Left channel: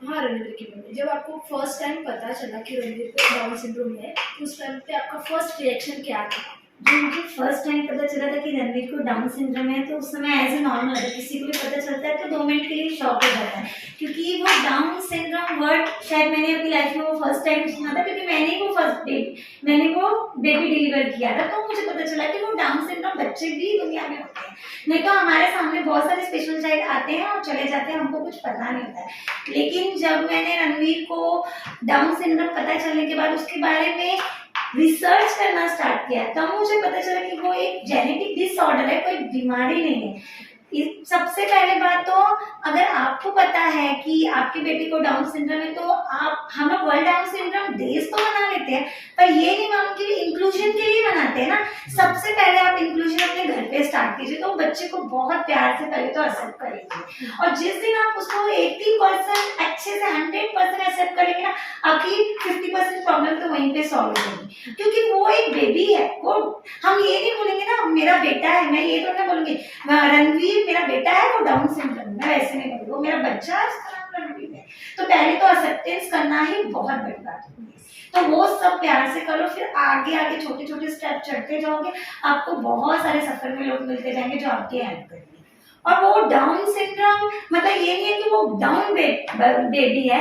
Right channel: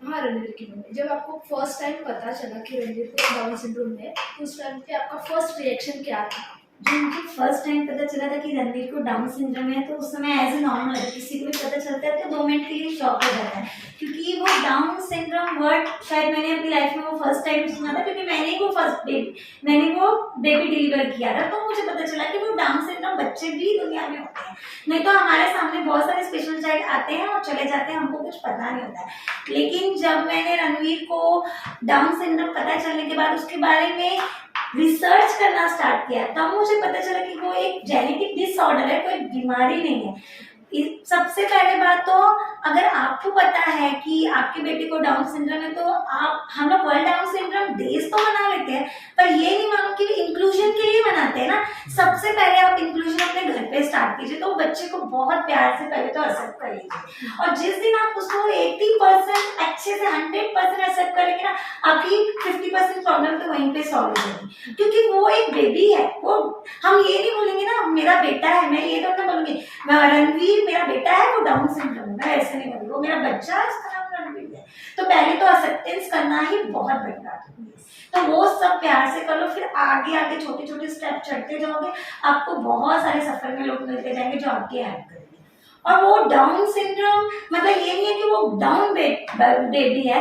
हाँ, रणवीर की मम्मी। जब आपको फर्स्ट टाइम पता चला कि रणवीर को डाउन सिंड्रोम है, तो उस टाइम पे आपका फर्स्ट रिएक्शन क्या था? जब मुझे फर्स्ट टाइम पता चला था कि रणवीर को डाउन सिंड्रोम है, तो उस समय एज ए नॉर्मल है, किसी को भी पता चलता है तो 2 मिनट के लिए शॉक हो जाता है, क्योंकि वो डाउन सिंड्रोम वर्ड शायद मैंने अपनी लाइफ में वो फर्स्ट टाइम सुना था, क्योंकि मैंने वो बेबी डिलीवर किया था, तो मुझे पता चला कि वो डाउन सिंड्रोम बच्चे भी दुनिया में होते हैं। नहीं तो हमारे सामने बहुत सारे स्पेशल चाइल्ड आते हैं और चले जाते हैं, हमको कुछ पता नहीं होता है। लेकिन जब मैंने रणवीर को डाउन सिंड्रोम पता चलने के बाद उसके बारे में रिसर्च करना स्टार्ट किया, तब मुझे पता चला कि वो एक जेनेटिक डिसऑर्डर है, कोई बीमारी नहीं है। सबसे पहले बात तो, अगर आपको पता है कि आपके बेटे को डाउन सिंड्रोम है, तो हम लोग वर्ल्ड डाउन सिंड्रोम डेज तो मना लेते हैं, पर ये नहीं मालूम कि इंक्लूजन के लिए मनाते हैं ना। सबसे पहले आप इंक्लूजन अपने घर पे स्टार्ट कीजिए, तो बच्चे को बहुत प्यार से पहले तो एक्सेप्ट करेंगे, और जिस दिन आप उसको 80% अच्छे से 100% एक्सेप्ट करेंगे ना, आपकी 50% प्रॉब्लम तो वहीं पे सॉल्व होगी, क्योंकि वो एक बेबी है। वो हम ये नहीं बोलेंगे ना मेरा बेटा है, मैं ये तो ना बोलूंगी रणवीर मेरा बेटा है वो डाउन सिंड्रोम, मैं ऐसे नहीं बोलूंगी, वो मेरा बच्चा है उसका नाम रणवीर है। तो पहले तो एक्सेप्टेंस करना ही बहुत बड़ी बात होती है, तो वो सब प्यार से करो, फिर आगे आगे छोटे छोटे स्टेप चढ़ते जाओगे, आपको बहुत सारे सफर में लोग मिलते जाएंगे जो आपके हेल्प करेंगे। और वो डाउन सिंड्रोम मतलब ये नहीं है कि वो डाउन बेबी है।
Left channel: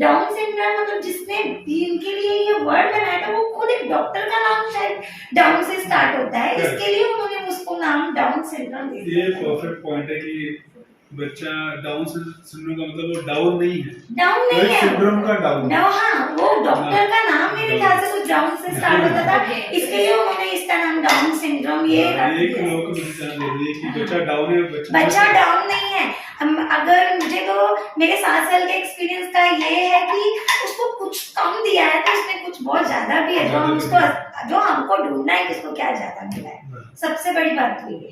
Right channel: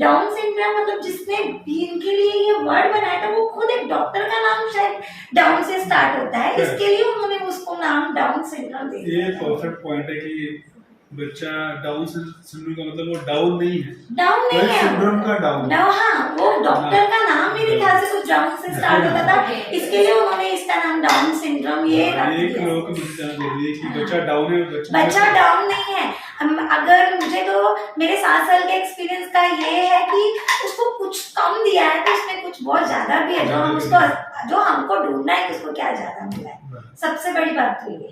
डाउन सिंड्रोम मतलब जिसने इनके लिए ये वर्ड बनाया था, वो खुद एक डॉक्टर का नाम शायद डाउन से स्टार्ट होता है, इसके लिए उन्होंने उसको नाम डाउन सिंड्रोम दे दिया। ये परफेक्ट पॉइंट है कि बच्चा डाउन सिंड्रोम का मतलब वो डाउन नहीं है, डाउन नहीं है, सिंड्रोम का डाउन। हाँ, वो डॉक्टर का नाम मेरे ख्याल से कुछ डाउन से स्टार्ट होता था, इसके लिए उन्होंने इसका नाम डाउन सिंड्रोम ये रख दिया। लोगों को मुझे जानना जरूरी है कि बच्चा डाउन है, बच्चा डाउन नहीं है। अगर मुझे तो मेरे 7 साल के एक्सपीरियंस का ये है कि उसको कुछ कम दिया है, तो उसमें कुछ बहुत ज्यादा भी है, जो हमको ढूंढना है कि उसको क्या ज्यादा मिला है, सबसे बड़ी बात तो ये।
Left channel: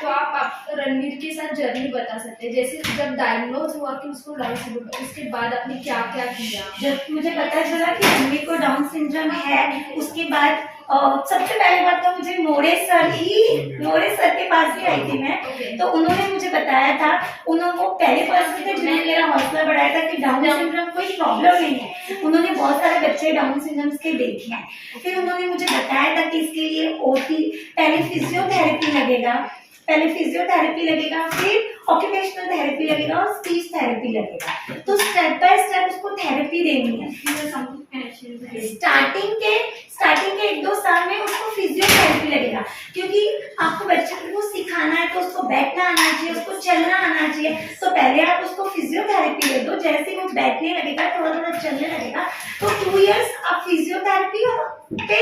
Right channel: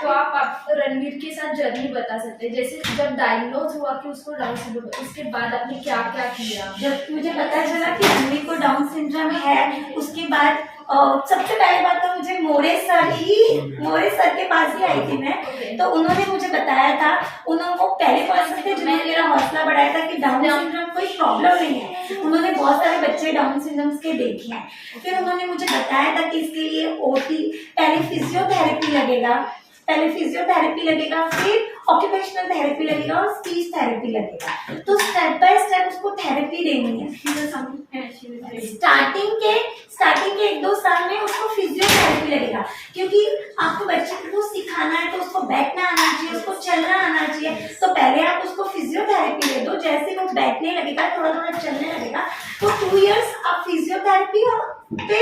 तो आप रणवीर के साथ जर्नी बता सकते हैं, जैसे जब डायग्नोज हुआ कि उसको डाउन सिंड्रोम है, उसके बाद आपने क्या क्या किया? जब मुझे पता चला कि रणवीर को डाउन सिंड्रोम है, उसके बाद सबसे पहले बात तो मुझे मोरे सर के पास ही आई थी मैं, तो उन्होंने मुझे बताया था, उन्होंने वो पहले पर्सन थे जिन्होंने मेरा हौसला बढ़ाया था कि डाउन सिंड्रोम कोई प्रॉब्लम नहीं है। उन्होंने बहुत सारे बच्चे डाउन सिंड्रोम के देखे हैं, फिर उन्होंने मुझे बताया था कि इसके लिए पहले फिजियोथेरेपी लगेगा, फिर ऑक्यूपेशनल थेरेपी लगेगा और स्पीच थेरेपी लगेगा। तो स्टेप बाय स्टेप उसको थेरेपी देनी है। स्टार्टिंग के 1-2 साल में उसको फिजियोथेरेपी लगेगा, क्योंकि आपको बच्चे को सिखाना है, तो उसको बैठना आना चाहिए, उसको चलना आना चाहिए, तो पहले आप उसको फिजियोथेरेपी दे दो। जैसे वो बैठने लगेगा, थोड़ा थोड़ा चलने लगेगा, तो 2 इयर्स आप फिजियोथेरेपी पे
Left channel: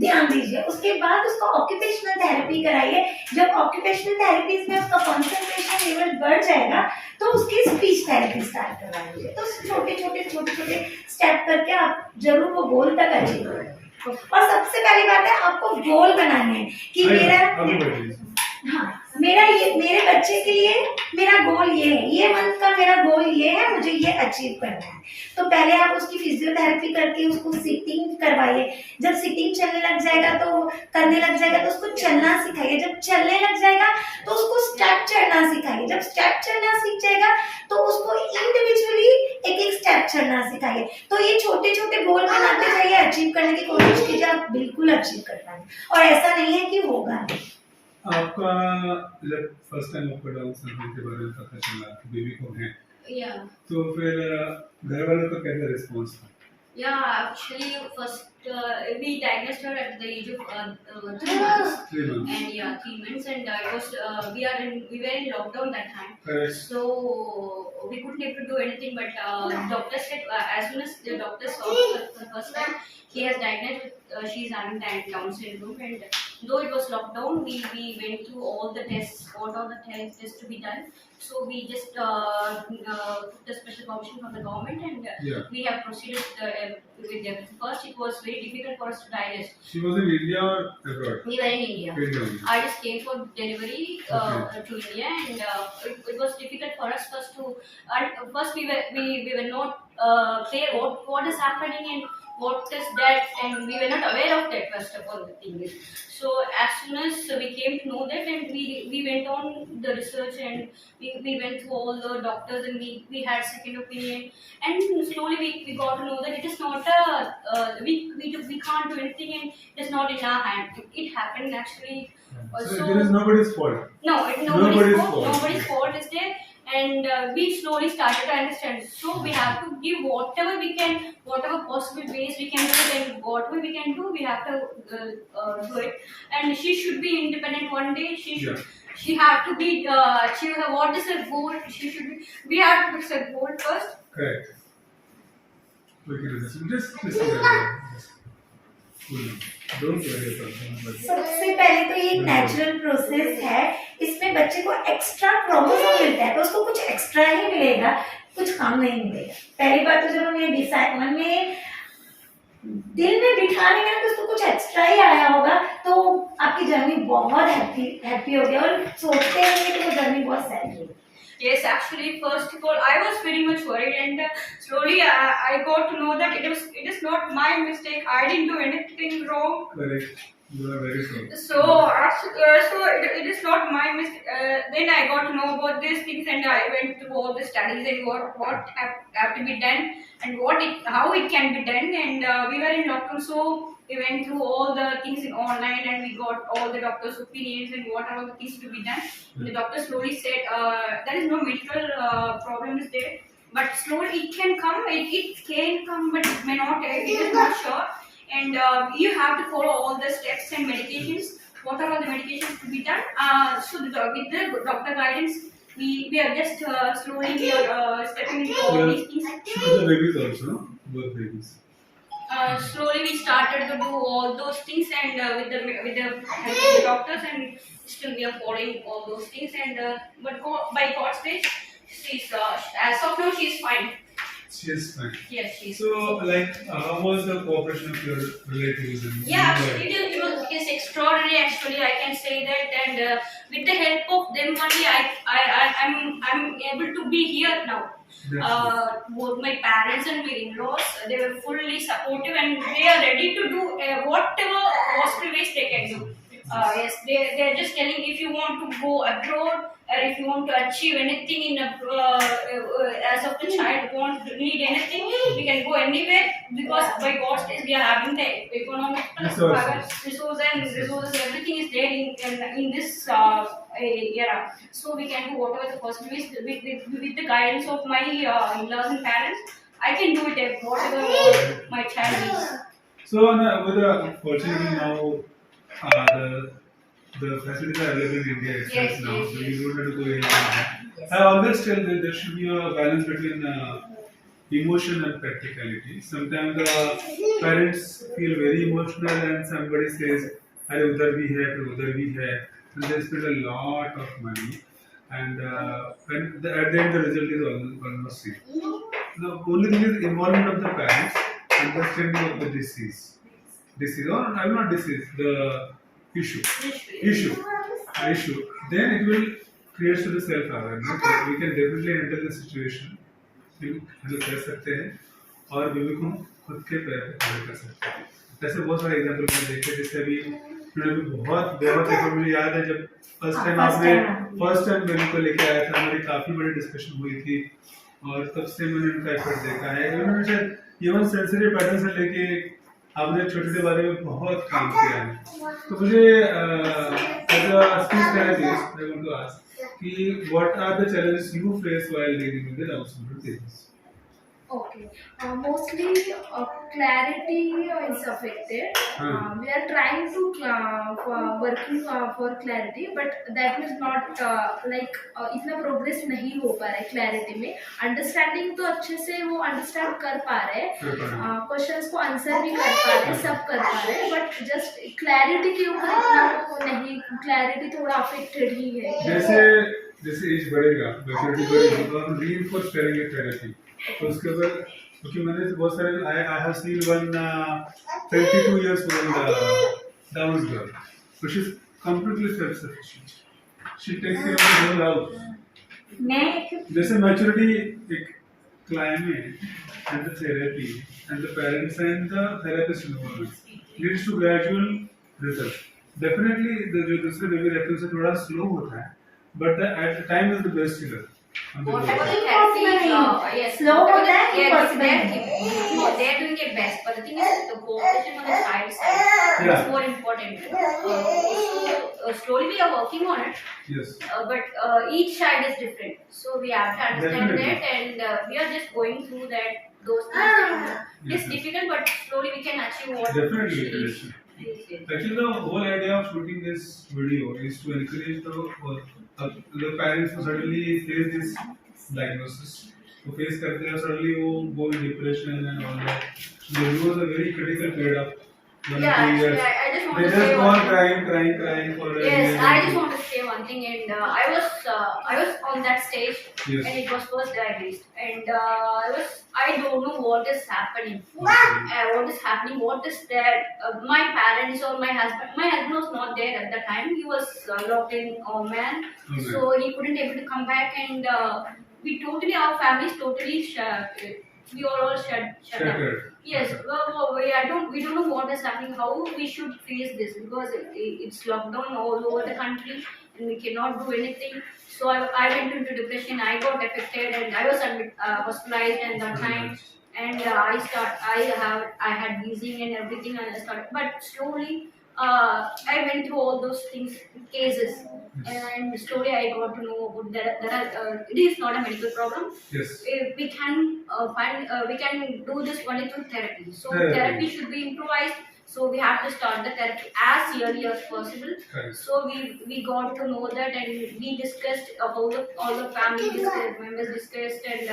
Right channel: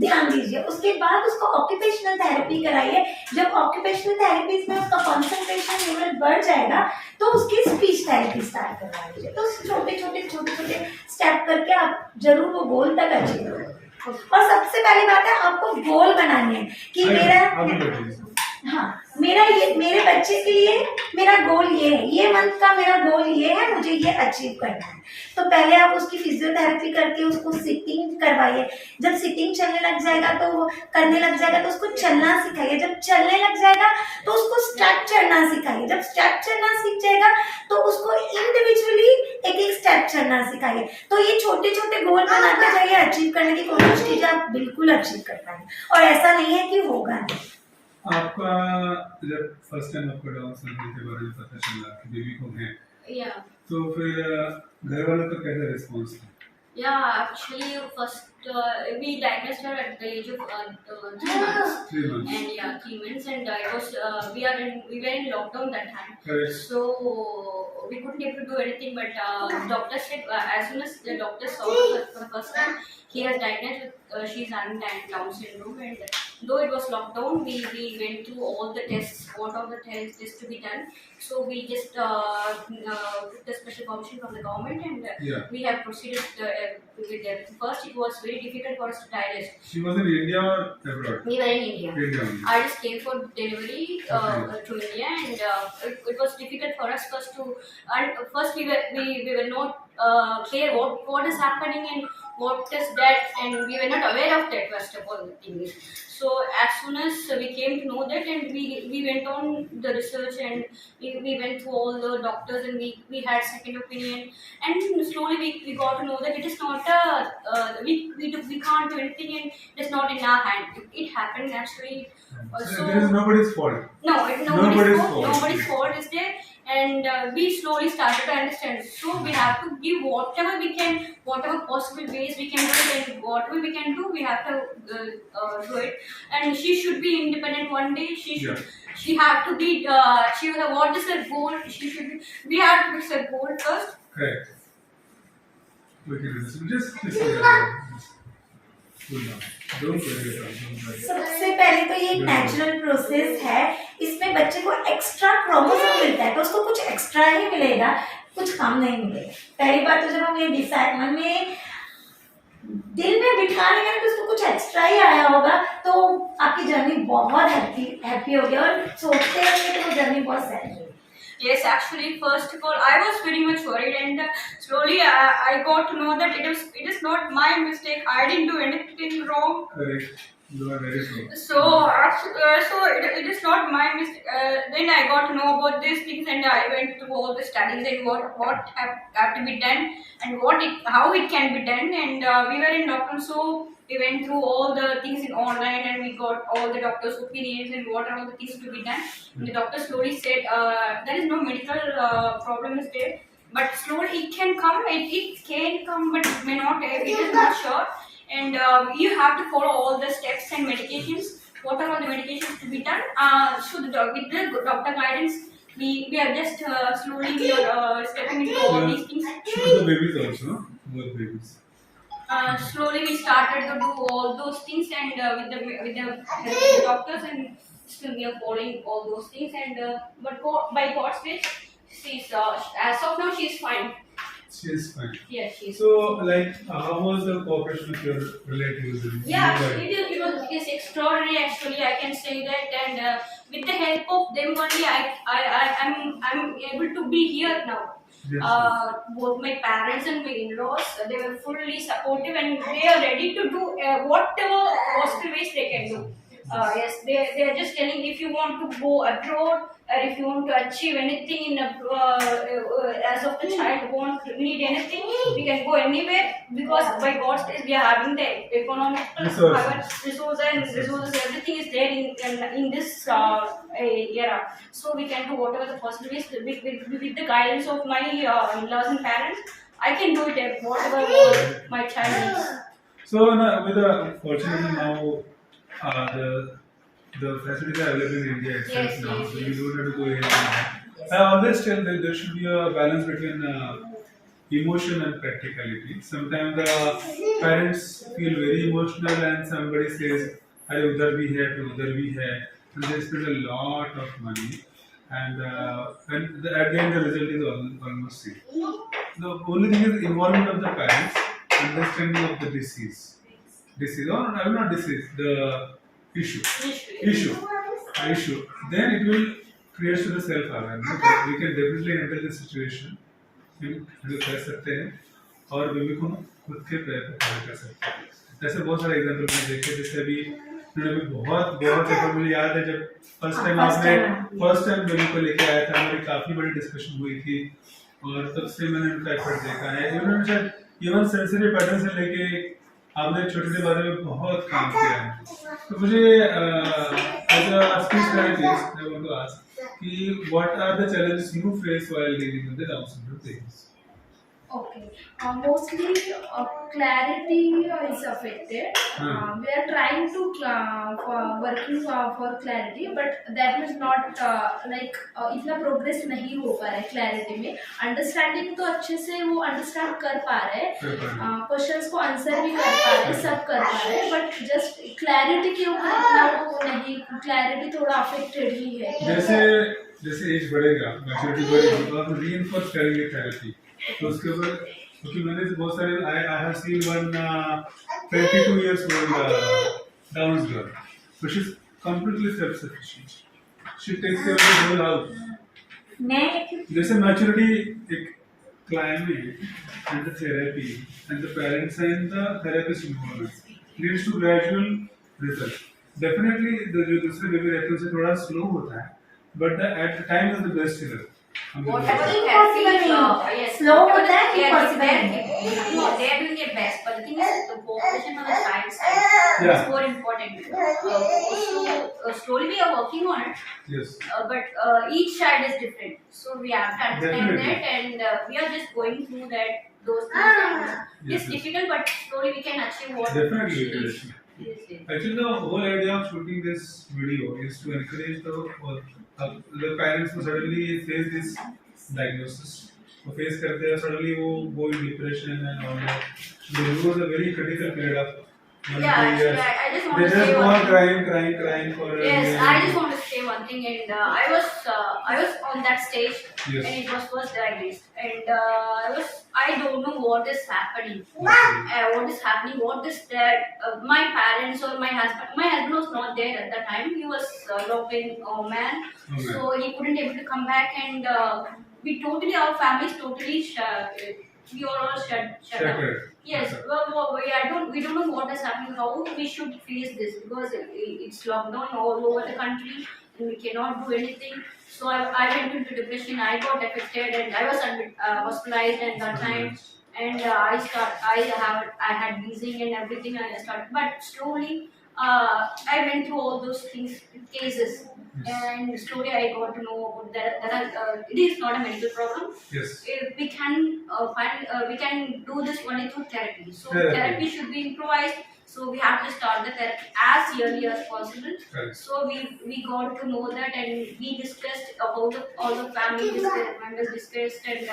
ध्यान दीजिए। उसके बाद उसको ऑक्यूपेशनल थेरेपी कराइए। जब ऑक्यूपेशनल थेरेपी में उसका कंसंट्रेशन लेवल बढ़ जाएगा, तो उसकी स्पीच थेरेपी स्टार्ट करवा दीजिए। तो छोटे छोटे स्टेप करके आप जरूर वो गोल तक अचीव करें। और सबसे पहली बात है, आपको गोल बनाने हैं कि मेरे बच्चे के लिए मेरा गोल ये है, ये मंथ का मेरा गोल ये है, मुझे ये अचीव करना है। तो पहले आप उसकी फिजियोथेरेपी करके उसको सिटिंग करवाइए। जब सिटिंग करने लग जाएगा तो उसको चलना सिखाइए। जब चलने लग जाएगा तो उसको स्टेप चढ़ना सिखाइए। जब स्टेप चढ़ना सीख जाएगा तो उसको इंडिविजुअली एक स्टेप चढ़ना सिखाइए। तो ये छोटे छोटे गोल बनाते जाइए, अचीव करने की कोशिश कीजिए, आप बिल्कुल अचीव कर पाएंगे। और ऐसा नहीं है कि होगा नहीं। आपका जब फर्स्ट टाइम आपको डाउन सिंड्रोम के बारे में पता चला कि बेबी को है, तो फिर घर वालों का कैसा रिस्पॉन्स था? Yeah, actually, first we diagnosed her at the age of 3 months. 3 months. And 3 months, and it was we were in lockdown that time. Correct. So we couldn't able to do anything. But doctor said as soon as the doctor saw her for the first time, he has diagnosed with she's having Down syndrome. And though it was lockdown, we went through all the tests, all the tests to be done. So we just took the special permission from the government, and we have proceeded with them. First, it was very difficult for us to digest. She was in India or abroad? We were in India. India. I just came for delivery to India, and it was difficult for us first to. First, we were not clear what is happening and what is that, and we were not aware of that first of all the thing is. So as soon as we came to know that, and we went on the research, and we went through all the doctors, and we had second opinion, and slowly we got to know that it is not a we can't do anything, and it is not in our hand. It happened actually. So there is nobody's fault. No, Nobody's nobody's fault. fault. Nobody's fault is there, and we slowly started to understand. So we have to give whatever we can, whatever possible ways we can do it, and whatever we can do, we have to do it. And she should be independent one day. She should. Yeah. She have to be. She will have, what is her goal? She should be. We have to fix her goal first. Correct. We can just cool down. Don't worry about it. सबसे पहले तो ये एक natural process है, इसमें बच्चे को extra chromosome मिलता है तो उसको कुछ एक्स्ट्रा ही मिलेगा, कुछ कम नहीं मिलेगा। पहली बात तो जब हम ये डिसाइड मन में दिल में बिठा लेंगे ना तो उसको कुछ एक्स्ट्रा ही आया होगा, तो आपकी जर्नी बहुत हैप्पी होगी और सोचते होंगे कि वो जर्नी बहुत सही है। Yes, actually, first of all, I was very much worried, and slowly I got to know that it is not my mistake. I didn't do anything wrong. Correct. You are very true. So it is not my mistake. Then I got to know about these things, and I went through all the studies and what have to be done, and how it can be done. And we were in lockdown, so we went through all the things in online, and we got all the doctors' opinions and what are all the things to be done. And the doctor slowly said there is no medical problem is there, but slowly it can come. It can come, but it may not. It is not sure. And you have to follow all the steps and medications. What are all the medications to be done? So with the doctor guidance, we are just slowly stepping into all these things. Shoot the babies also, no? Both babies. Slowly we started to do all those things, and with the help of the doctors, and still we are following all those things. And but by God's grace, she's as of now she's fine. She is fine. Yes, she's. So, like, how was the cooperation of your relatives? Yeah, it's extraordinary. Actually, I can say that, and with the help of them only, I'm able to be here now. Both my parents and my in-laws, they were fully supportive, and they are ready to do whatever possible ways they can do. Yes, they are just telling, if you want to go abroad, or if you want to achieve anything in as of the child need anything, we can go anywhere, because by God's grace we are having the economic resources, everything is there in this era. So we can do whatever the possible ways with the guidance of my in-laws and parents. I can do it whatever my child needs. So, fortunately now, the facilities are available in India itself Yes, now, yes, so yes. you don't have to go anywhere. I always tell that there should be a balance between emotion and practicality. Sometimes the parents feel very emotional and somebody says, "Arey udhar bhi hai, phir udhar bhi hai," and they spend a lot of money, and at the end the result is almost same. The only thing is involvement of the parents, understanding of the disease, or not disease, the issue. Then it will create to the self-awareness. We can definitely handle the situation. हम लोग कर सकते हैं और baby को खुद के पैर पे खड़ा कर सकते हैं। ऐसे बहुत सारे एग्जाम्पल मैंने देखे, जैसे अभी उन्होंने भी बहुत देखो, मुझे याद है जब फर्स्ट टाइम बेबी को लेके आया था, हमारी काफी बड़ी डिस्कशन हुई थी और तब से मैंने उनका एफर्ट देखा है। उन्होंने शायद इवन सेंसरी पैटर्न से लेके आपने छोटे बारे में बहुत काम किया है। तो मुझे as a speech therapist I want to ask कि what are the challenges you face while dealing with the Down syndrome patients? Okay. Mostly clarity is affected. We are trying to working for clarity, but that means not इतना progress नहीं हो पा रहा है clarity में. Understanding तो अच्छे से वो understand कर पा रहे हैं, questions को answer भी कर पा रहे हैं, सब कर पा रहे हैं, but just clarity के ऊपर इतना वो नहीं, clarity थोड़ा affected ही है. जैसे एज बढ़ेगा, मैच्योरिटी बढ़ेगी, तो आप reinforce करेंगे थेरेपी, तो उसके ऊपर क्योंकि मैंने बहुत सारे I have seen one 22 years old Down's girl, so she's completely self-sufficient. She takes care of the whole house. जैसे मैच्योरिटी एक climate and the therapy and the parents and the therapist involvement leads to gradual result. Definitely the जो दूसरे baby रहते हैं उससे थोड़ा slow होता है, but the at the time is the best healer. Whatever the Impossible therapy, नहीं. yes, Slow whatever होता है, the- yeah, impossible they are doing their best, but the thing is, the cooperation on the child side Yeah. is more important. Slowly we are working on it, Yes. but each child is different, so we have to understand Definitely. that, and we are just going through that. Those things are, Yes, it's yes. difficult, but slowly we can achieve what Definitely, she is. definitely. Yes, yes. Actually, the whole idea of shooting this video is to encourage the parents who suddenly face this diagnosis. वो face करते हैं suddenly वो go in depression and all that. They lose a very critical period of 1 Yeah, 2 actually, years. I just want They to just say go one on thing. crying for a Yes, year. I just want to say one thing, and I was on that stage, Yes. and it was first diagnosed, and I don't know what is happening. What is happening? What is that? My parents or my husband was not there at the time. He was locked in Oman, Oman. so he couldn't able to come back, and our family is totally we are all shut down. Shattered. Yes, we don't know what is happening, how we should face this, because it's lockdown all over the country and we cannot do anything. So I went into depression, I got affected, and I was hospitalized at that time. And I had wheezing and everything, and I started, but slowly I went through all those things, cases, and slowly I got to know about that. It is not a medical problem. Yes. We can we can do this only through therapy. So Therapy. therapy should be improvised. So we have to start the therapy as early as possible. Correct. So we got to know that, and we discussed about all the family members discussed, and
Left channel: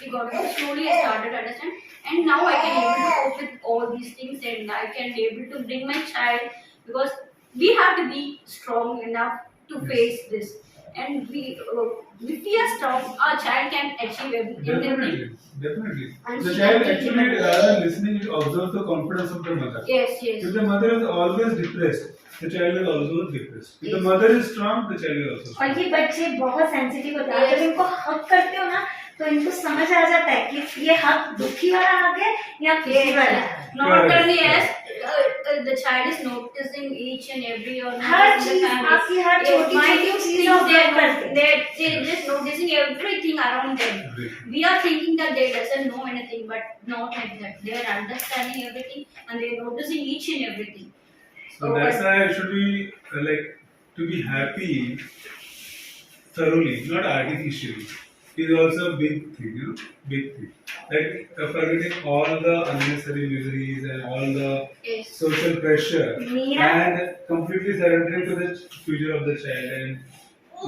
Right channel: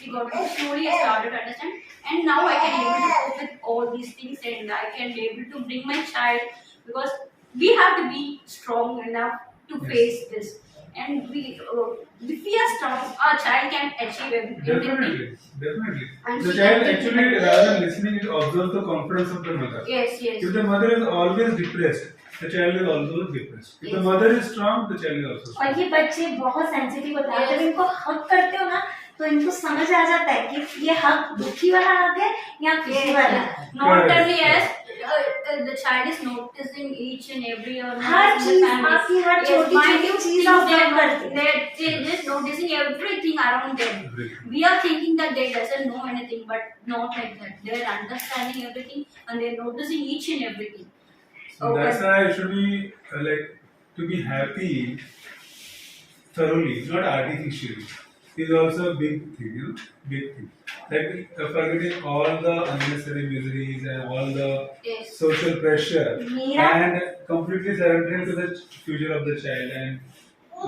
we got to slowly I started to understand, and now I can able to cope with all these things, and I can be able to bring my child, because we have to be strong enough to Yes. face this, and if we are strong, our child can achieve everything. Definitely. And The she child can actually, take it. rather than listening, it observes the confidence of the mother. Yes, yes. If the mother is always depressed, the child is also depressed. If the Yes. mother is strong, the child is also और strong. ये बच्चे बहुत sensitive होते हैं, Yes. जब इनको हक करते हो ना तो इनको समझ आ जाता है कि ये हक दुखी वाला हक है या खुशी वाला है. Not Correct. only as the child is noticing each and every or हर चीज आपकी हर छोटी चीज ऑब्जर्व करते हैं. they just noticing everything around them. Everything. We are thinking that they doesn't know anything, but not like that. They are understanding everything and they are noticing each and everything. So that's why it should be to be happy thoroughly, not artificially. Is also a big thing, big thing. Like forgetting all the unnecessary miseries and all the Yes. social pressure Meera? and completely surrendering to the future of the child and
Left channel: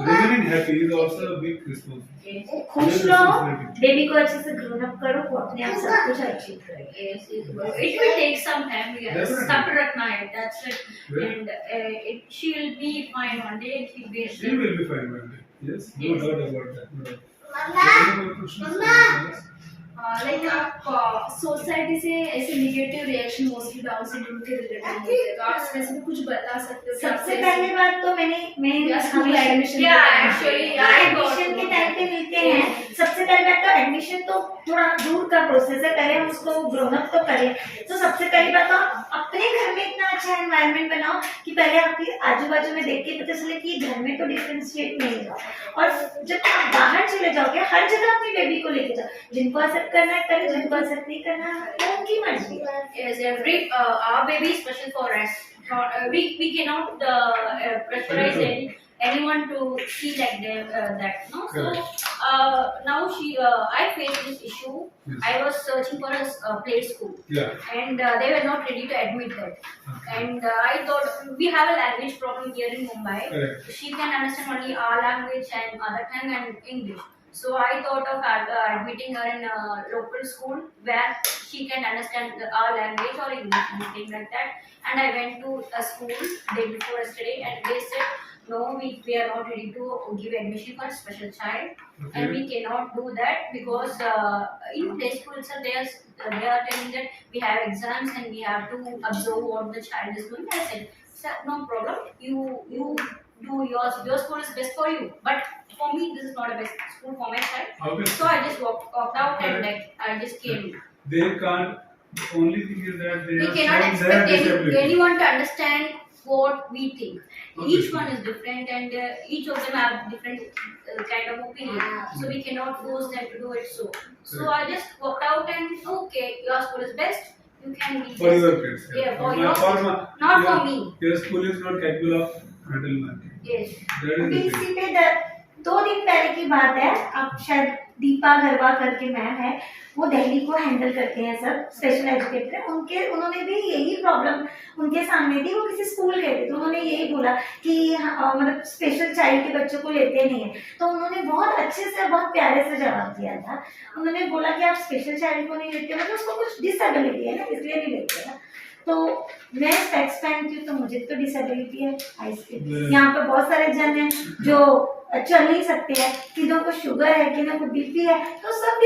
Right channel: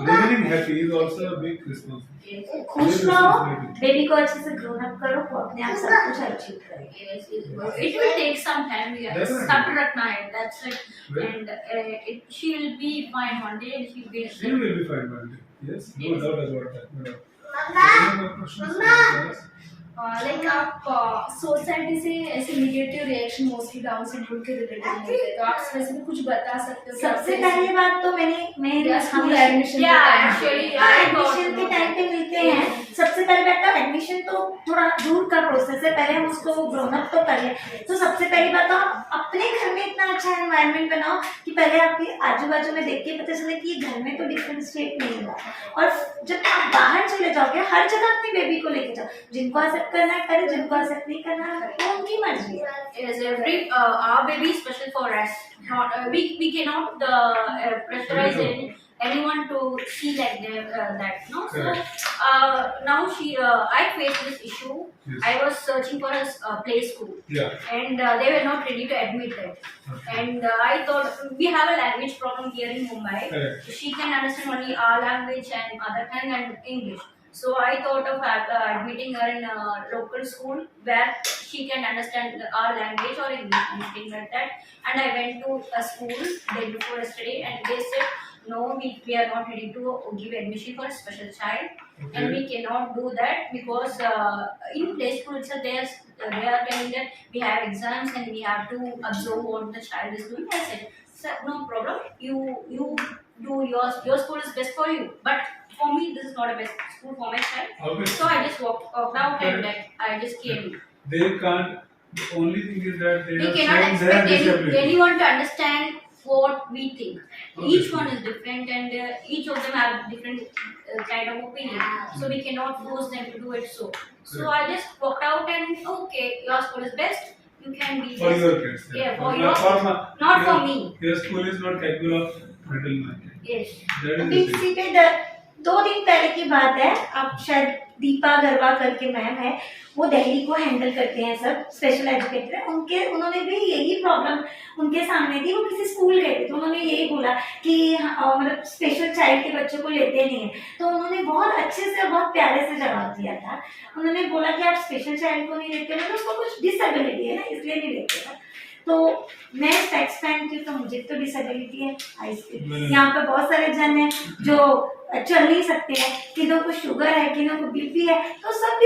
remaining happy is also a big responsibility. Yes. खुश रहो, baby को अच्छे से grown up करो, वो अपने आप सब कुछ अचीव करेगा. Yes, it will take some time. We have Definitely. sabr rakhna hai, that's it. Well. And she will be fine one day, and she will be. She will be fine one day. Yes, no Yes. doubt about that. No doubt. Any more questions? Like आप society से ऐसे negative reaction mostly down syndrome के related होते हैं, तो आप इसमें से कुछ बता सकते हो कि सबसे आपसे पहली बात तो मैं या स्कूल हमेशा admission Yeah, actually, I got admission के to टाइम पे मिलते हैं. सबसे पहले बात तो एडमिशन तो थोड़ा दूर का प्रोसेस है, पहले हम उसको ग्रोन अप तो करें. तो सबसे पहली बात तो आप अपने घर में इतना अच्छा एनवायरनमेंट बनाओ कि पहले आपके आजू बाजू में देख के पता चले कि ये घर में तो डिफरेंशिएट नहीं होगा. और जब आप बाहर चले जाओगे हर जगह अपनी बेबी को लेके जाओ. जिनको एक्सेप्ट करना है करें, जिनको एक्सेप्ट नहीं करना है वो उनकी मर्जी है. Yes, our baby is special for us. Not we cannot pressurize anyone to see like that. No, so Correct. now I faced this issue. Yes. I was searching for a play school, Yeah. and they were not ready to admit that. Okay. And I thought we have a language problem here in Mumbai. Correct. She can understand only our language and mother tongue and English. So I thought of admitting her in a local school where she can understand our language or English, anything like that. And I went to a school day before yesterday, and they said, no, we are not ready to give admission for a special child, and we cannot do that because in play school itself they are telling that we have exams and we have to observe what the child is doing. I said, Sir, no problem. You do yours. Your school is best for you. But for me, this is not a best school for my child. Obviously. So I just walked out and Correct. I just came. They can't. The only thing is that they We have cannot shown their expect disability. anyone to understand what we think. Obviously. Each one is different, and each of them have different kind of opinion. So we cannot force them to do it. So I just walked out and okay, your school is best. You can be For best. your kids. Yeah, for Not your for kids. my- Not your- for me. Your school is not capable of handling my kid. Yes. That is अभी the thing. इसी पे 2 दिन पहले की बात है, अब शायद दीपा गरवा करके मैम है, वो दिल्ली को हैंडल करते हैं सब, स्पेशल एजुकेटर है, उन्होंने भी यही प्रॉब्लम उनके सामने थी। वो किसी स्कूल गए थे तो उन्होंने यही बोला कि मतलब स्पेशल चाइल्ड के बच्चों को लेते नहीं है, तो उन्होंने बहुत अच्छे से और बहुत प्यारे से जवाब दिया था। उन्होंने बोला कि आप स्पेशल चाइल्ड को नहीं लेते हो तो उसको कुछ डिसेबिलिटी है ना, इसलिए नहीं लेते ना। तो मैं स्पेक्स पहनती हूँ तो मुझे तो डिसेबिलिटी है आइज की। यहाँ पे बहुत सारे जन हैं जो चल नहीं सकते हैं, किन्हों को शुगर है, किन्हों को बीपी है, तो सब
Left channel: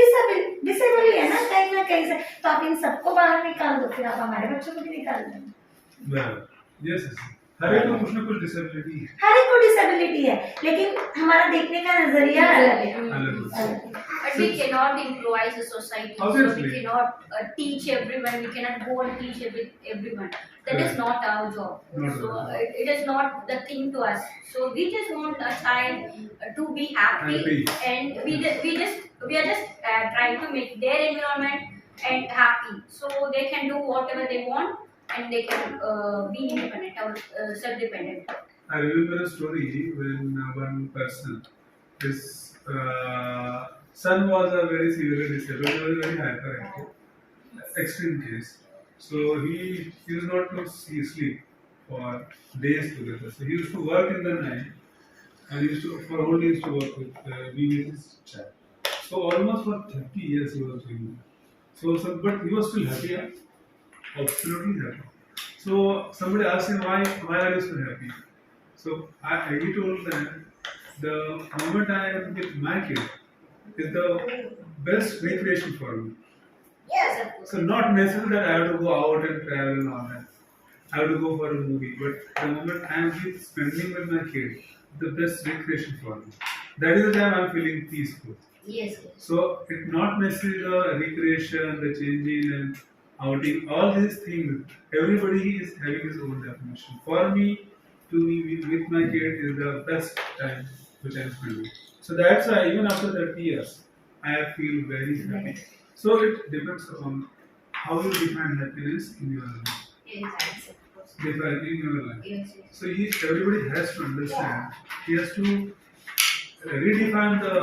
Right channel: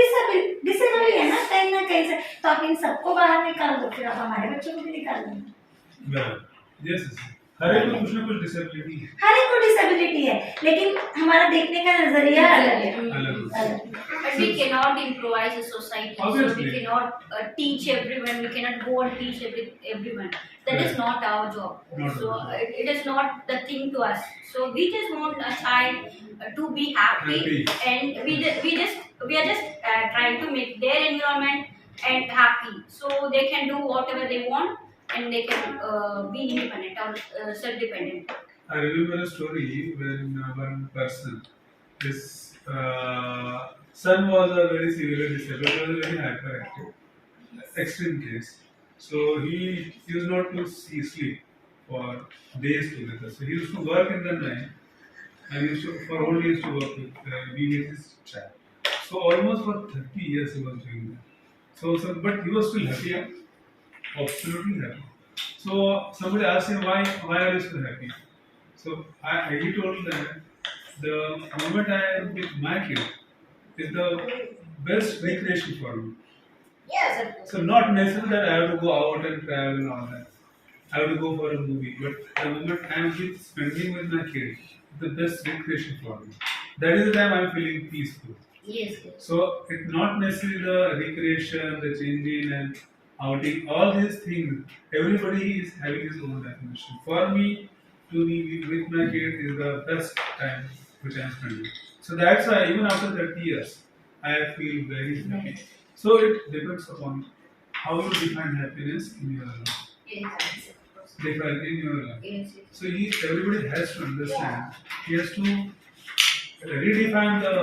डिसेबल है ना कहीं से। तो आप इन सबको बाहर निकाल दो, फिर आप हमारे बच्चों को भी निकाल दो। बराबर। Yes yes. हर एक को कुछ ना कुछ डिसेबिलिटी है। हर एक को डिसेबिलिटी है, लेकिन हमारा देखने का नजरिया अलग है। अलग। But we cannot improvise the society. So Obviously. we cannot teach everyone. We cannot go and teach everyone. That is Right. not our job. Not So our job. it is not the thing to us. So we just want a child to be happy, Happy. and we are just trying to make their environment and happy. So they can do whatever they want, and they can be independent or self-dependent. I remember a story when one person, his son was a very severely disabled, he was a very hyperactive, extreme case. So he used not to sleep for days together. So he used to work in the night, and he used to, for whole day he used to work with, be with his child. So almost for 30 years he was doing that. So but he was still happy, absolutely happy. So somebody asked him, why are you so happy? So he told them, the moment I am with my kid is the best recreation for me. So not necessarily that I have to go out and travel and all that. I have to go for a movie, but the moment I am with spending with my kid, the best recreation for me. That is the time I am feeling peaceful. Yes. So it's not necessarily the recreation, the changing and outing, all these things. Everybody is having his own definition. For me, to be with my kid is the best time which I am spending. So that's why even after 30 years, I feel very happy. So it depends upon how you define happiness in your life. Yes. Of course. Define in your life. Yes. So everybody has to understand. He has to redefine the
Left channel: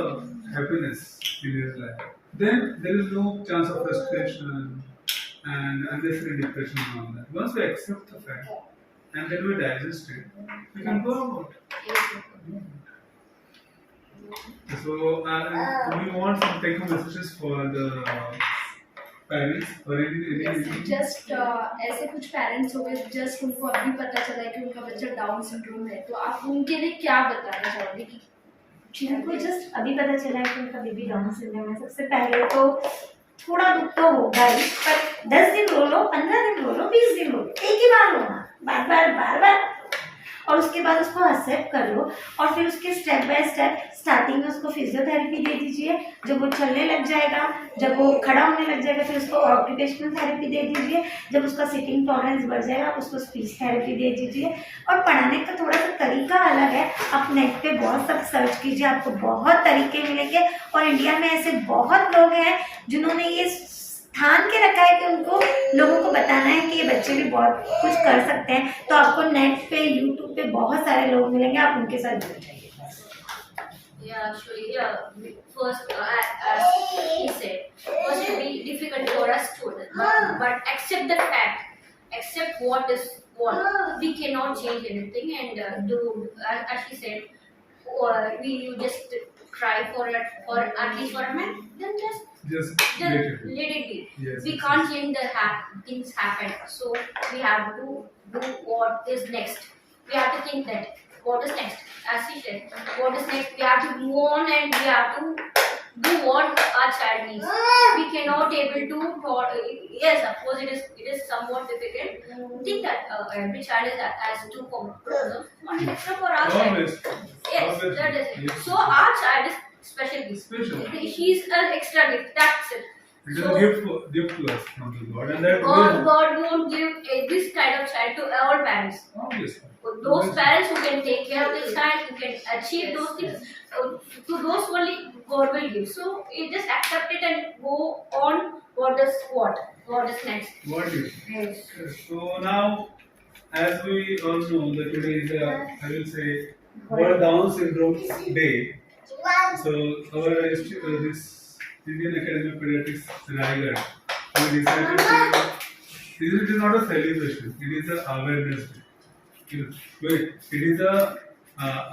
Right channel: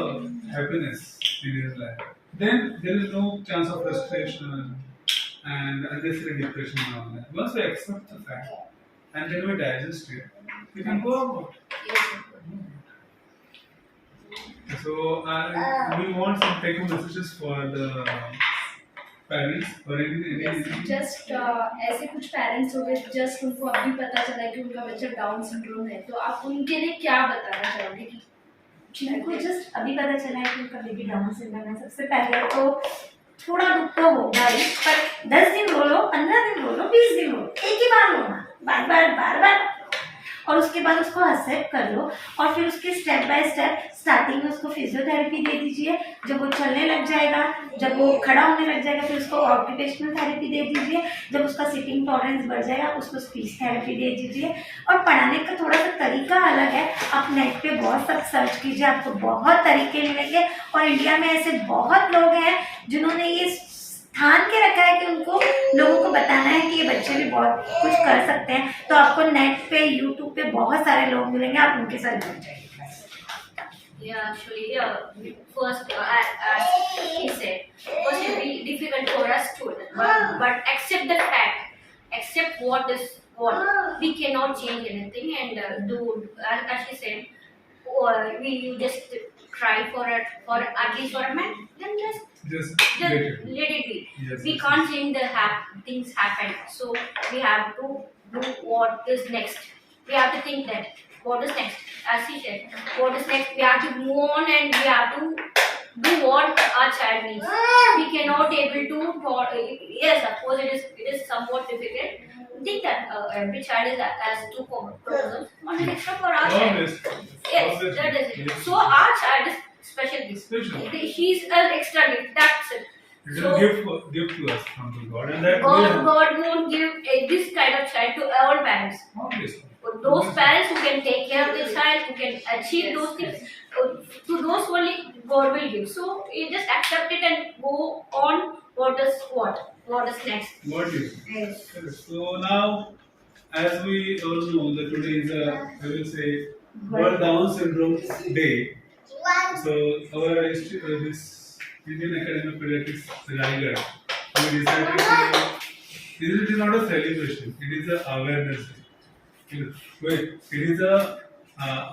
happiness in his life. Then there is no chance of frustration and unnecessary depression and all that. Once we accept the fact and then we digest it, we can go about. Yes. So we want some take home messages for the parents or anything. Just ऐसे कुछ parents हो गए just उनको अभी पता चला है कि उनका बच्चा डाउन सिंड्रोम है, तो आप उनके लिए क्या बताना चाहोगे कि जिनको जस्ट अभी पता चला है कि उनका बेबी डाउन सिंड्रोम है, सबसे पहले तो थोड़ा दुख तो होगा ही, पर 10 दिन रो लो, 15 दिन रो लो, 20 दिन रो लो, एक ही बार रोना, बार और उसके बाद उसको एक्सेप्ट कर लो। और फिर उसके स्टेप बाय स्टेप स्टार्टिंग में उसको फिजियोथेरेपी दे दीजिए। जब वो चलने लग जाएगा, जब वो खड़ा होने लग जाएगा, फिर उसको ऑक्यूपेशनल थेरेपी दे दीजिए। जब उसका सिटिंग टॉलरेंस बढ़ जाएगा, उसको स्पीच थेरेपी दे दीजिए। और पढ़ाने का थोड़ा सा तरीका अलग है, आप नेट पे बहुत सब सर्च कीजिए, आपको बहुत तरीके मिलेंगे। और इंडिया में ऐसे बहुत लोग हैं जिन्होंने ये ठान के रखा है कि उनको लोगों को बताना है कि ये बच्चे भी बहुत कुछ कर सकते हैं। तो आपको नेट पे यूट्यूब पे बहुत सारे लोग मिलेंगे, आप उनके साथ जुड़ जाइए। Yeah, actually, first, as he said, first it will be difficult for us to, but accept the fact, accept what is what. We cannot change anything, and do, as she said, you just cry for at least for a man, then Just let it be. Yes, We yes, can't change the things happen, so we have to do what is next. We have to think that what is next, as he said, what is next. We have to move on, and we have to do what our child needs. We cannot able to yes, of course it is somewhat difficult. I think that every child has two chromosomes, one is extra for our child. Always. Yes, Always. that is it. Yes. So our child is special gift. Special. She's an extra gift. That's it. It is So- a gift to us from the God, and that God won't give this kind of child to all parents. obviously. Those parents who can take care of their child, who can achieve those things, to those only God will give. So you just accept it and go on. What is next? What is? Yes. So now, as we all know, that today is I will say World Down Syndrome Day. So our this Indian Academy of Pediatrics, Raigad, we decided to. It is not a celebration; it is an awareness day. Wait, it is a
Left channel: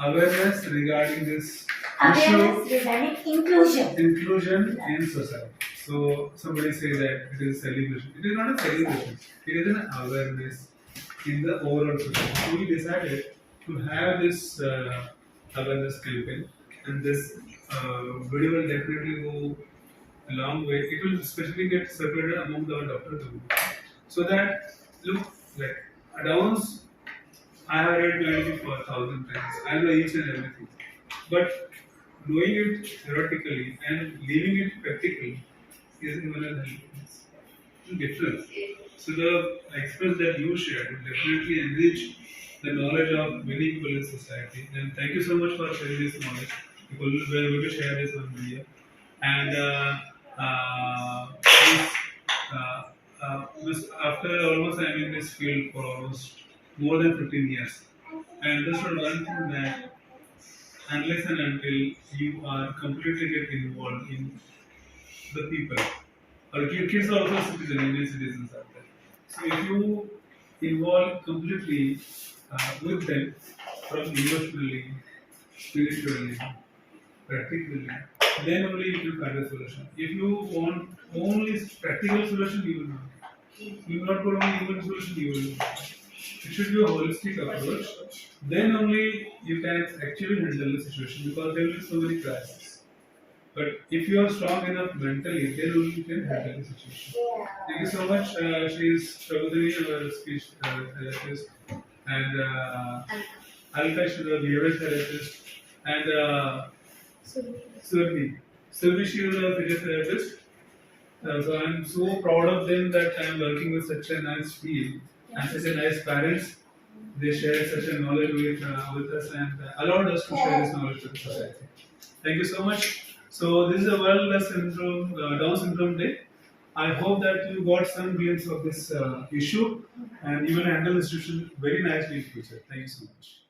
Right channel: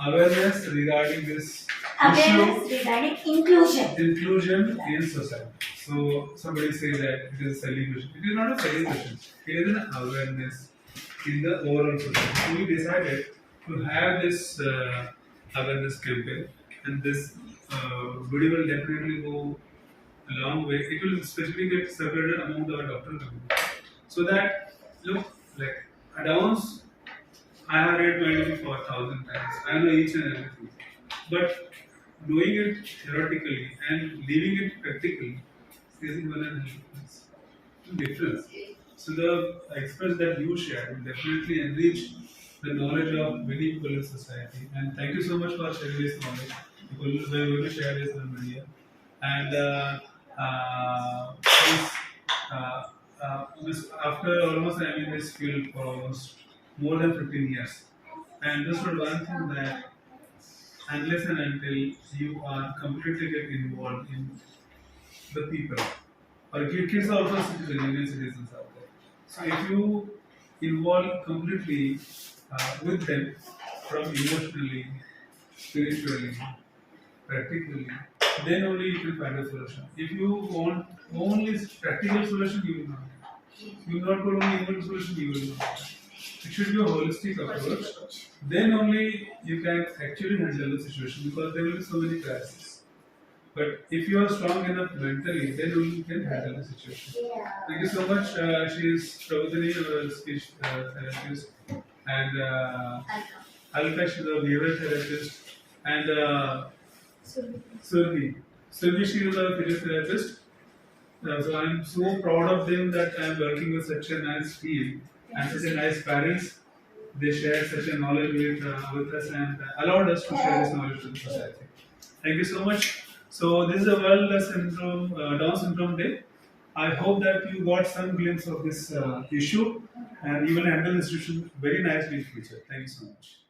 awareness regarding this issue. Awareness regarding inclusion. In society. So somebody say that it is a celebration. It is not a celebration. It is an awareness in the overall society. So we decided to have this awareness campaign, and this video will definitely go a long way. It will especially get circulated among the doctor community, so that look like Downs. I have read medicine for 1,000 times. I know each and everything, but knowing it theoretically and living it practically is even a difference. So the experience that you shared will definitely enrich the knowledge of many people in society. And thank you so much for sharing this knowledge. People will be able to share this on media. And after almost I'm in this field for almost more than 15 years, I understood one thing, that unless and until you are completely get involved in the people, or kids are also citizens, Indian citizens are there. So if you involve completely with them, from emotionally, spiritually, practically, then only you can find a solution. If you want only practical solution, you will not. You will not go only emotional solution, you will not. It should be a holistic approach. Then only you can actually handle the situation, because there will be so many crises. But if you are strong enough mentally, then only you can handle the situation. Thank you so much. She is Prabhadini, our speech therapist, and Alka, she is a behavioral therapist, and Survi, she is a physiotherapist. So I am so proud of them that I am working with such a nice field and such a nice parents. They share such a knowledge with us and allowed us to share this knowledge to the society. Thank you so much. So this is a World Down Syndrome Day. I hope that you got some glimpse of this issue, and you will handle the situation very nicely in future. Thank you so much.